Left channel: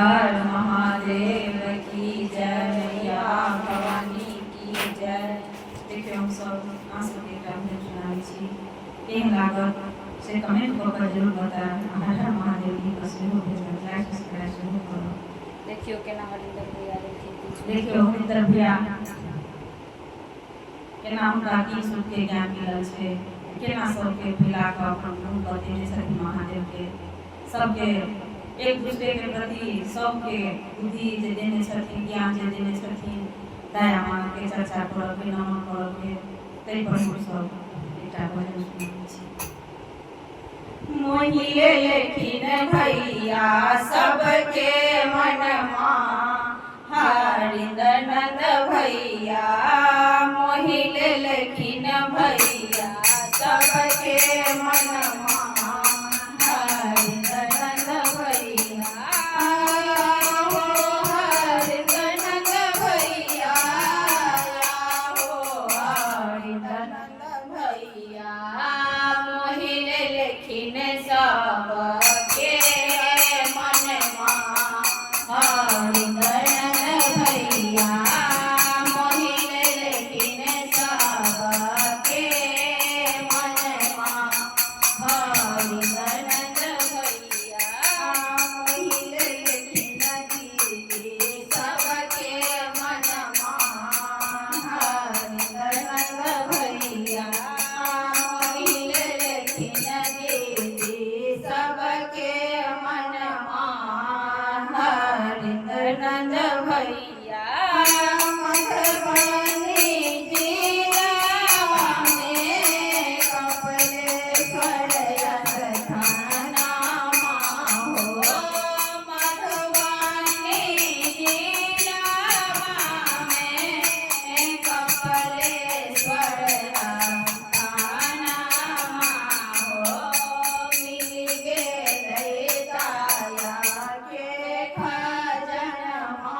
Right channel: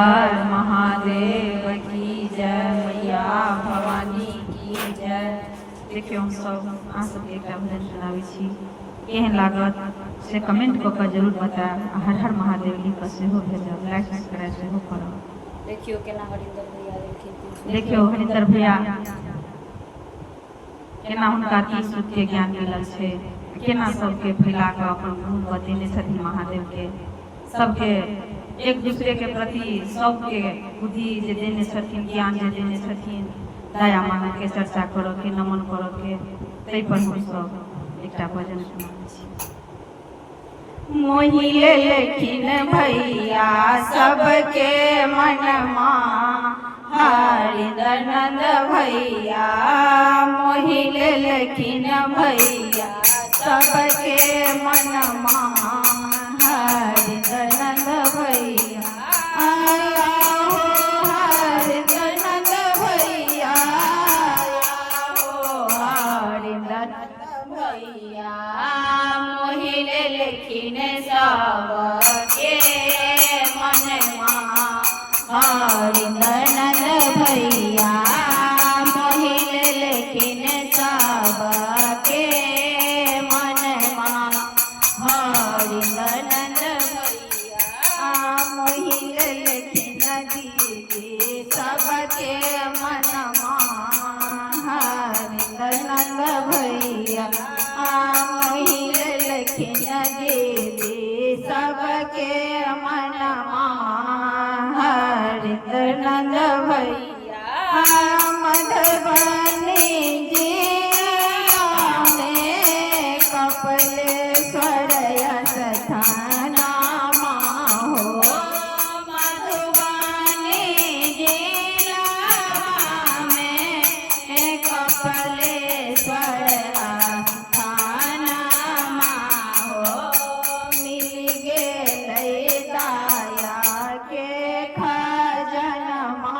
हर महादेव की जय, मैया भवानी की जय। देखिए हम सब आंसू के कमेंट सुनावे छी, केहन लागत से कमेंट कऽ के जरूर बताएब। हर हर महादेव की सेहो भेजब, लाइक सब्सक्राइब सेहो करब। देखियो केना हरिंदर भैया देखियो हरिंदर भैया केना हुनका गीत सुन के ज्ञान मिलल छै, केना सबके फैला कऽ अपन गुरु बतेने छथिन महादेव के, सबके एक दूसरे के प्रति सबके बुद्धि जे देने छथिन, ज्ञान जे देने छथिन, दया मानव के चर्चा करब के, नमन करब के, ताहि पर हम सब एकटा भजन सुनै छी। मोहिले लेकिन भैया सबके मनमा, हरिंदर नंद भैया मोहिले लेकिन भैया सबके मनमा, हरिंदर नंद भैया हरिंदर नंद भैया हरिंदर नंद भैया मोहिले लेकिन सबके मनमा, हरिंदर नंद भैया मोहिले लेकिन सबके मनमा, हरिंदर नंद भैया मोहिले लेकिन दीदी सबके मनमा, हरिंदर नंद भैया मोहिले लेकिन दीदी सबके मनमा, हरिंदर नंद भैया मधुबनी जिला में कपिलेश्वर स्थानमा हो, मधुबनी जिला में कपिलेश्वर स्थानमा हो, मिल गेलै दाया के खजनमा,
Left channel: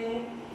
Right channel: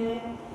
રીતે